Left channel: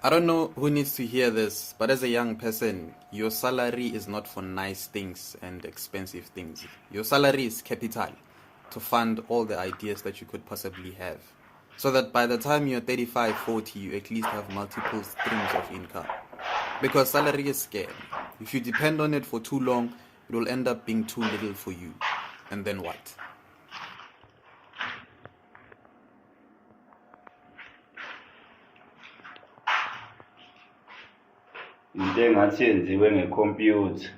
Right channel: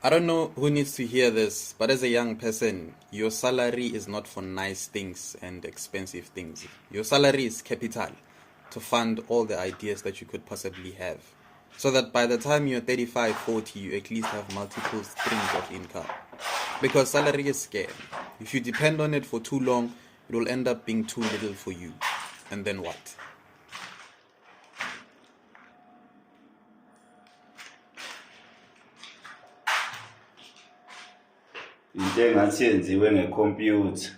I don't know who needs to hear this, but as a young person, your salary is not for nice things and expensive things. Your salary is capital to fund all the ideas that you could possibly have. So that by the time you're 35, 40, you at least have multiple streams of income. Because salary is scarce. If you depend on it for too long, it will end up being too little for you. And then what? into engathi yenziwe ngekhompyutha.